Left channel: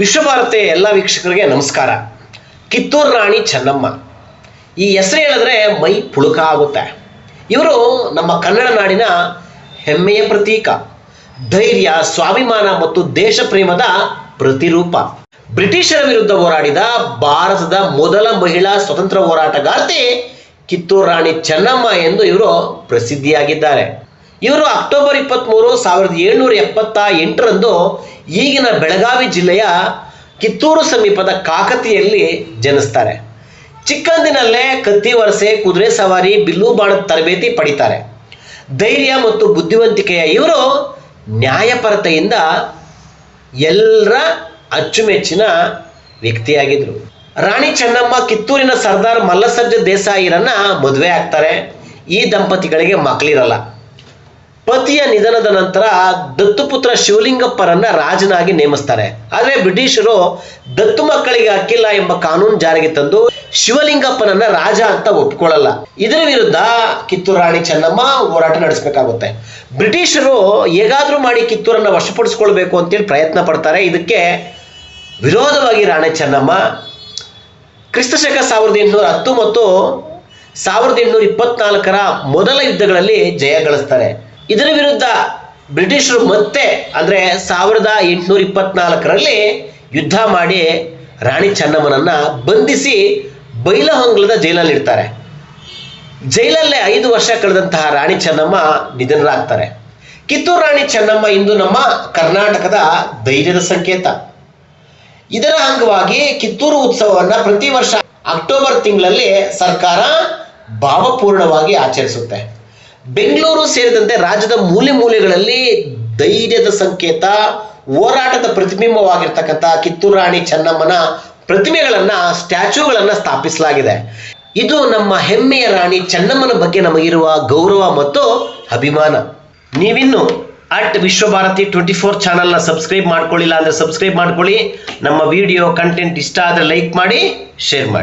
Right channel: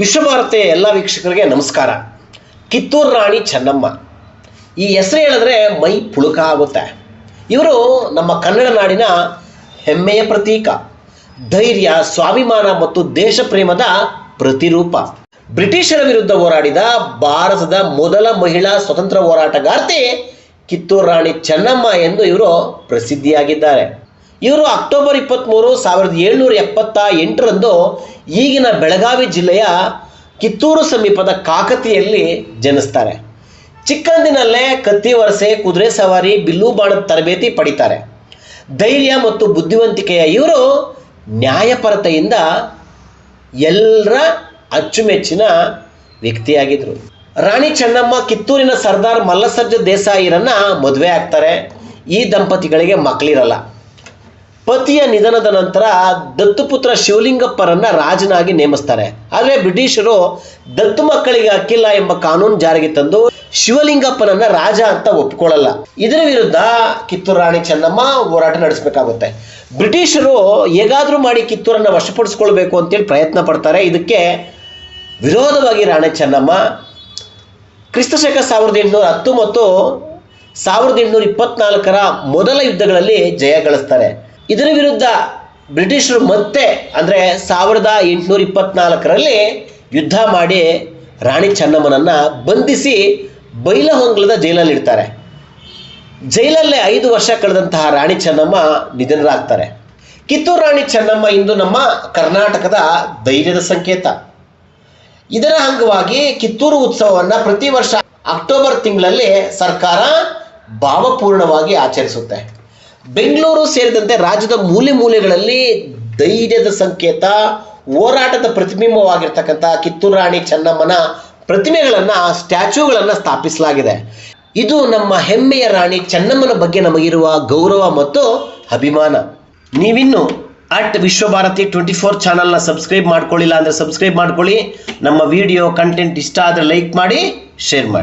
ವಿಶ್ವಭಾರತಿ ಎಲ್ಲ ವೀಕ್ಷಕರಿಗೆ ನಮಸ್ಕಾರ. ಕಿತ್ತೂರು ರಾಣಿ ಚೆನ್ನಮ್ಮ ಈ ಹೆಸರು ಹೇಳಿದ್ರೆ ಮೈ ಪುಳುಕ ಆಗುತ್ತೆ. ಇವರು ನಮ್ಮ ಕನ್ನಡ ನಾಡಿನ ಹೆಮ್ಮೆಯ ಪ್ರತೀಕ, ಧೈರ್ಯ, ಸ್ವಾಭಿಮಾನ ಮತ್ತು ದೇಶ ಪ್ರೇಮದ ಪ್ರತಿರೂಪ. ಬ್ರಿಟಿಷರ ವಿರುದ್ಧ ಹೋರಾಡಿದ ಭಾರತದ ಮೊದಲ ಮಹಿಳಾ ಸ್ವತಂತ್ರ ಹೋರಾಟಗಾರ್ತಿ ಕಿತ್ತೂರು ರಾಣಿ ಚೆನ್ನಮ್ಮ ಎಂದು ಇವರು ಪ್ರಸಿದ್ಧಿಯಾಗಿದ್ದಾರೆ. ಇವರು ಅಕ್ಟೋಬರ್ 23, 1778ರಂದು ಈಗಿನ ಬೆಳಗಾವಿ ಜಿಲ್ಲೆಯ ಕಿತ್ತೂರು ಸಮೀಪದ ಕಾಕತಿಯಲ್ಲಿ ಜನಿಸ್ತಾರೆ. ಚಿಕ್ಕಂದಿನಲ್ಲೇ ಕತ್ತಿ ವರಸೆ, ಕುದುರೆ ಸವಾರಿ, ಬಿಲ್ಲು ಬಾಣದ ತರಬೇತಿ ಪಡಿತಾರೆ. ಧೈರ್ಯ ಮತ್ತು ಬುದ್ಧಿವಂತಿಕೆಯ ಇವರು ನ್ಯಾಯಪರತೆಯಿಂದ ಎಲ್ಲರ ಅಚ್ಚುಮೆಚ್ಚಿನ ವ್ಯಕ್ತಿಯಾಗಿದ್ದರು. ರಾಣಿ ಚೆನ್ನಮ್ಮ ಕಿತ್ತೂರಿನ ಸರ್ದಾರ್ ಮಲ್ಲಸರ್ಜ ದೇಸಾಯಿರನ್ನ ಮದುವೆ ಆಗ್ತಾರೆ. ಈ ದಂಪತಿಗಳಿಗೆ ಮಕ್ಕಳಿರಲ್ಲ. ಪತಿಯ ನಿಧನದ ನಂತರ ದತ್ತುಪುತ್ರ ಶಿವಲಿಂಗಪ್ಪರನ್ನ ರಾಜನಾಗಿ ನೇಮಿಸ್ತಾರೆ. ಆದರೆ ಬ್ರಿಟಿಷರು ದತ್ತು ಮಕ್ಕಳಿಗೆ ಹಕ್ಕಿಲ್ಲ ಎಂಬ ಕಾನೂನು ಜಾರಿಗೆ ತಂದು ಶಿವಲಿಂಗಪ್ಪನನ್ನ ರಾಜ ಅಂತ ಒಪ್ಪಿಕೊಳ್ಳಲ್ಲ. ಇದರ ವಿರುದ್ಧ ಕಿತ್ತೂರು ರಾಣಿ ಚೆನ್ನಮ್ಮ ಹೋರಾಟ ನಡೆಸಬೇಕಾಗುತ್ತೆ. ಬ್ರಿಟಿಷರು ಹೇಗಾದ್ರೂ ಮಾಡಿ ಕಿತ್ತೂರನ್ನ ವಶಪಡಿಸ್ಕೊಳ್ಬೇಕು ಅಂತೇಳಿ ಪ್ರಯತ್ನ ಪಡ್ತಾರೆ. ಇದಕ್ಕೆ ವಿರೋಧವಾಗಿ ರಾಣಿ ಚೆನ್ನಮ್ಮ ಕ್ರಿಸ್ತಶಕ 1810 ಮತ್ತು 1824ರ ಮೊದಲ ಯುದ್ಧಗಳಲ್ಲಿ ಜಯ ಗಳಿಸ್ತಾರೆ. ಇದರ ವಿರುದ್ಧ ಬ್ರಿಟಿಷರು ಮತ್ತೆ ಅಂದರೆ 1824ರಲ್ಲಿ ಯುದ್ಧ ಮಾಡಿ ರಾಣಿ ಚೆನ್ನಮ್ಮನನ್ನ ಬಂಧಿಸಿ ಬೈಲಹೊಂಗಲದ ಜೈಲಲ್ಲಿ ಇಡ್ತಾರೆ. ಜೈಲಲ್ಲೇ 5 ವರ್ಷ ಕಳೆದಂತಹ ರಾಣಿ ಚೆನ್ನಮ್ಮ ನಿಧನರಾಗ್ತಾರೆ. ಕಿತ್ತೂರು ರಾಣಿ ಚೆನ್ನಮ್ಮ ಇಂದು ನಮ್ಮ ಕರ್ನಾಟಕದ ಧೈರ್ಯದ ಸಂಕೇತ. ಇದರ ಅಂಗವಾಗಿ ಕಿತ್ತೂರು ಉತ್ಸವವನ್ನು ಪ್ರತಿ ವರ್ಷ ಅಕ್ಟೋಬರ್ ತಿಂಗಳಲ್ಲಿ ಸರ್ಕಾರ ಭಾವಪೂರ್ಣವಾಗಿ ಆಚರಿಸುತ್ತೆ. ಬೆಂಗಳೂರು ಸೇರಿದಂತೆ ರಾಜ್ಯದ ಮೂಲೆ ಮೂಲೆಗಳಲ್ಲಿ ಧೈರ್ಯದ ಸಂಕೇತ, ಹೋರಾಟದ ಪ್ರತಿಬಿಂಬವಾಗಿರ್ತಕ್ಕಂಥ ಕಿತ್ತೂರು ರಾಣಿ ಚೆನ್ನಮ್ಮನ ಪ್ರತಿಮೆಗಳನ್ನು, ಸ್ಟ್ಯಾಚ್ಯೂಗಳನ್ನು ಸ್ಥಾಪಿಸಲಾಗಿದೆ. ಇದು ನಮ್ಮ ಹೆಮ್ಮೆಯ ರಾಣಿ ಚೆನ್ನಮ್ಮನ ಬಗ್ಗೆ ನಮಗಿರುವ ಗೌರವ ಮತ್ತು ಅಭಿಮಾನ. ನೀವಿನ್ನು ವಿಶ್ವಭಾರತಿ 24 ಚಾನಲ್ನ ಸಬ್ಸ್ಕ್ರೈಬ್ ಮಾಡ್ಕೊಳ್ಳಿಲ್ಲ ಅಂದರೆ ಸಬ್ಸ್ಕ್ರೈಬ್ ಮಾಡ್ಕೊಳ್ಳಿ. ನಮ್ಮ ವಿಡಿಯೋ ಕಂಟೆಂಟ್ ಇಷ್ಟ ಆದರೆ ಲೈಕ್ ಮಾಡಿ, ಶೇರ್ ಮಾಡಿ.